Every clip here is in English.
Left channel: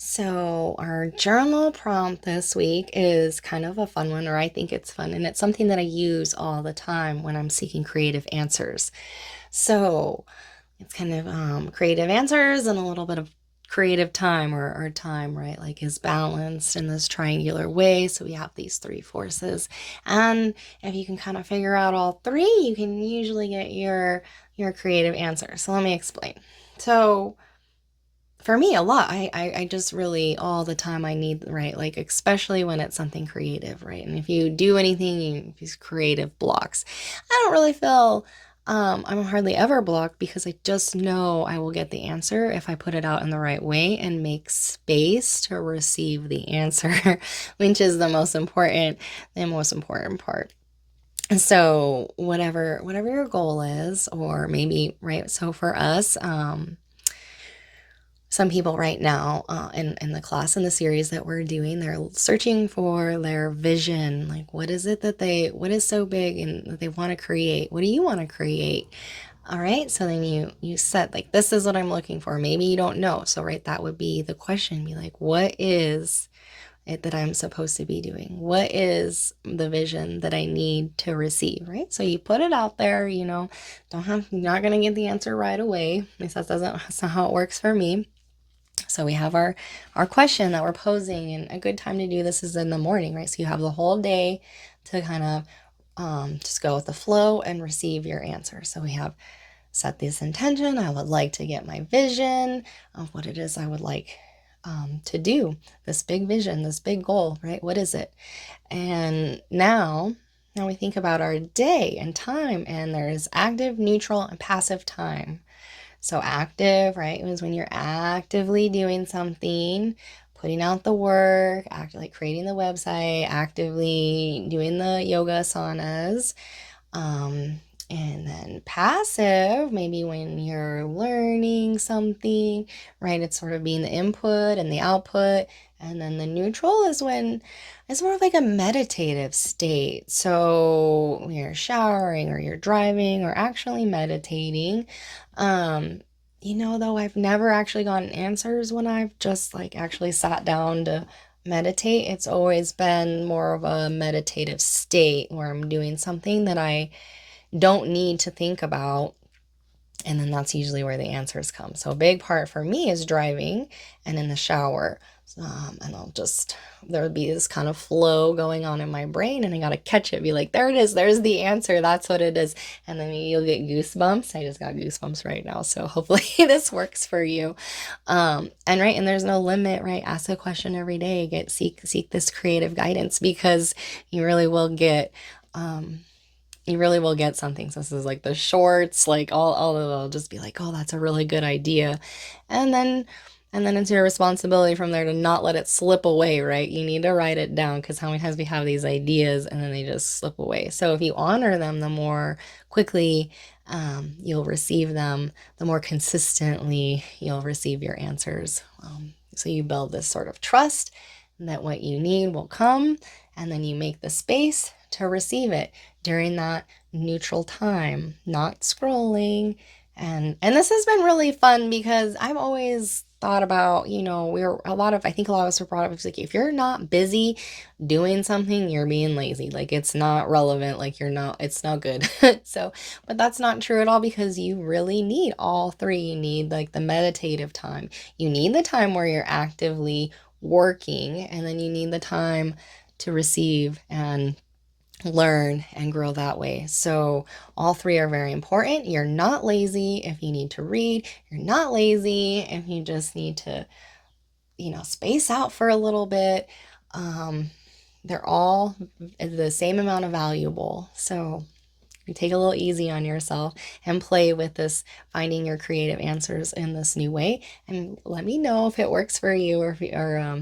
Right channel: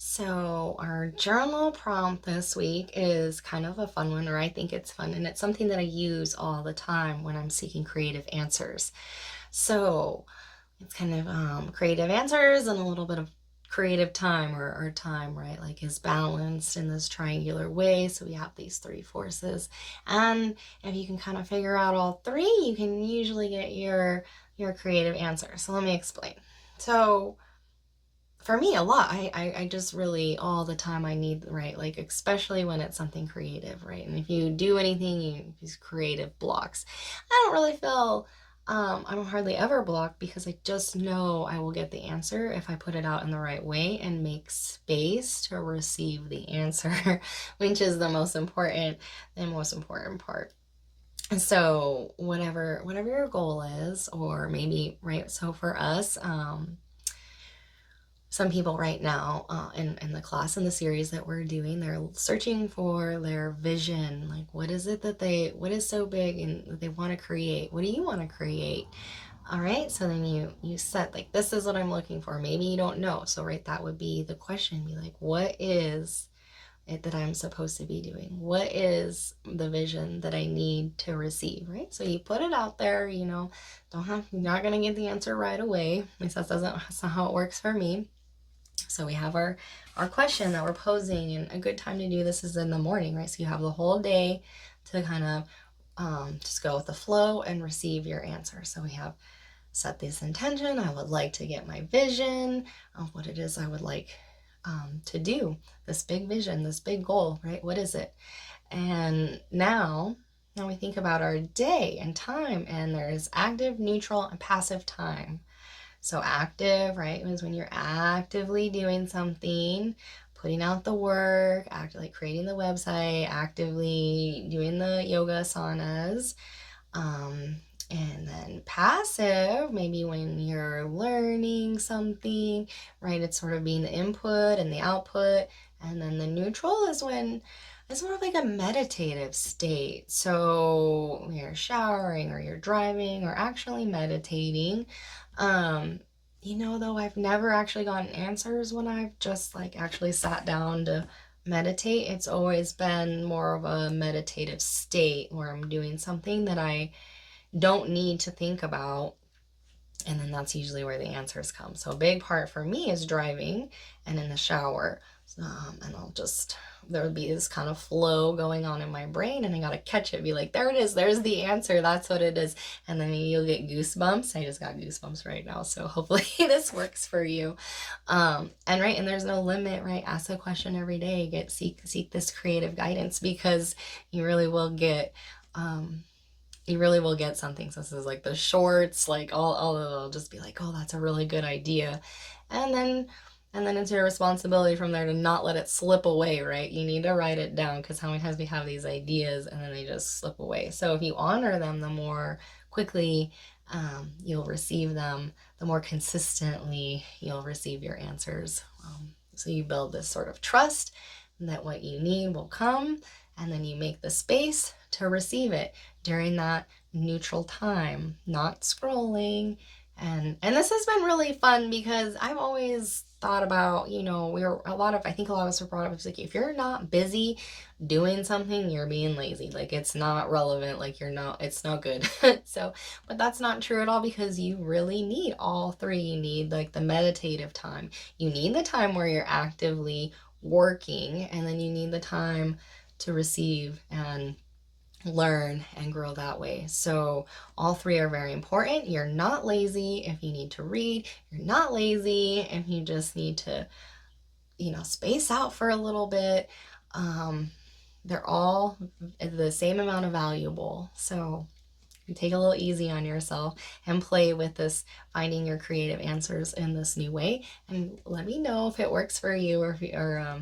So, our journal prompt this week is kind of a fun one, or I think it's fun, and it's something that I use all the time when I'm seeking creative answers. So, it's kind of creative answers and a little bit of creative time or time, right? Like is balanced in this triangular way. So, we have these three forces. And if you can kind of figure out all three, you can usually get your creative answer. So, let me explain. So, for me a lot I just really all the time I need, right, like especially when it's something creative, right? And if you do anything, these creative blocks, I don't really feel I'm hardly ever blocked because I just know I will get the answer if I put it out in the right way and make space to receive the answer, which is the most important part. And so whatever your goal is, or maybe, right, so for us, some people right now, in the class, in the series that we're doing, they're searching for their vision. Like, what is so big and that they want to create? What do you want to create? All right. So then you set, like, this is what I'm looking for. Maybe you don't know. So, right, that would be the question. Be like, what is it that I'm supposed to be doing? What is the vision that I need to receive? Right. So you put it out there, you're not going to get the answer right away. At least that's not how it works for me. So we have our question that we're posing, and a good time to do this is in the morning, right? So you have the whole day to kind of just go with the flow and receive your answer. So we have set this intention. I would like to get my vision of what it is I would like to do. This big vision, this big goal, right? What is it? And now we think about our day and time, and there's active, neutral, and passive time. So active, right, means when you're actively doing something, putting out the work, actively creating the website, actively doing the yoga asanas. And then passive, maybe when you're learning something, right? It's sort of being the input and the output. And then the neutral is when it's more of like a meditative state. So when you're showering or you're driving or actually meditating. Um, though I've never actually gotten answers when I've just like actually sat down to meditate. It's always been more of a meditative state where I'm doing something that I don't need to think about. And then that's usually where the answers come. So a big part for me is driving and in the shower. And there would be this kind of flow going on in my brain, and I got to catch it, be like, there it is, there's the answer, that's what it is. And then you'll get goosebumps. I just got goosebumps right now. So hopefully this works for you. And there's no limit, right? Ask a question every day, seek this creative guidance, because you really will get, something. So this is like the shorts, like all of them will just be like, oh, that's a really good idea. And then it's your responsibility from there to not let it slip away, right? You need to write it down, because how many times we have these ideas and then they just slip away. So if you honor them, the more quickly you'll receive them, the more consistently you'll receive your answers. So you build this sort of trust that what you need will come, and then you make the space to receive it during that neutral time, not scrolling. And this has been really fun, because I've always thought about, I think a lot of us are brought up, it's like, if you're not busy doing something, you're being lazy. Like, it's not relevant, like it's not good. So, but that's not true at all, because you really need all three. You need like the meditative time, you need the time where you're actively working, and then you need the time to receive and learn and grow that way. So all three are very important. You're not lazy if you need to read. You're not lazy if you just need to, space out for a little bit. They're all the same amount of valuable. So take a little easy on yourself and play with this, finding your creative answers in this new way, and let me know if it works for you, or if you, or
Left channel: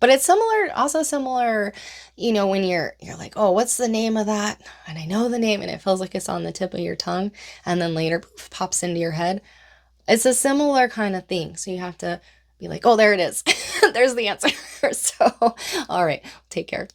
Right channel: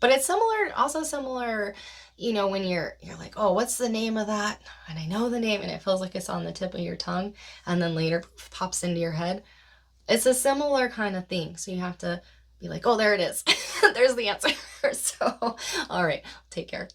but it's similar, when you're like, oh, what's the name of that, and I know the name and it feels like it's on the tip of your tongue, and then later poof, pops into your head. It's a similar kind of thing. So you have to be like, oh, there it is. There's the answer. So all right, take care.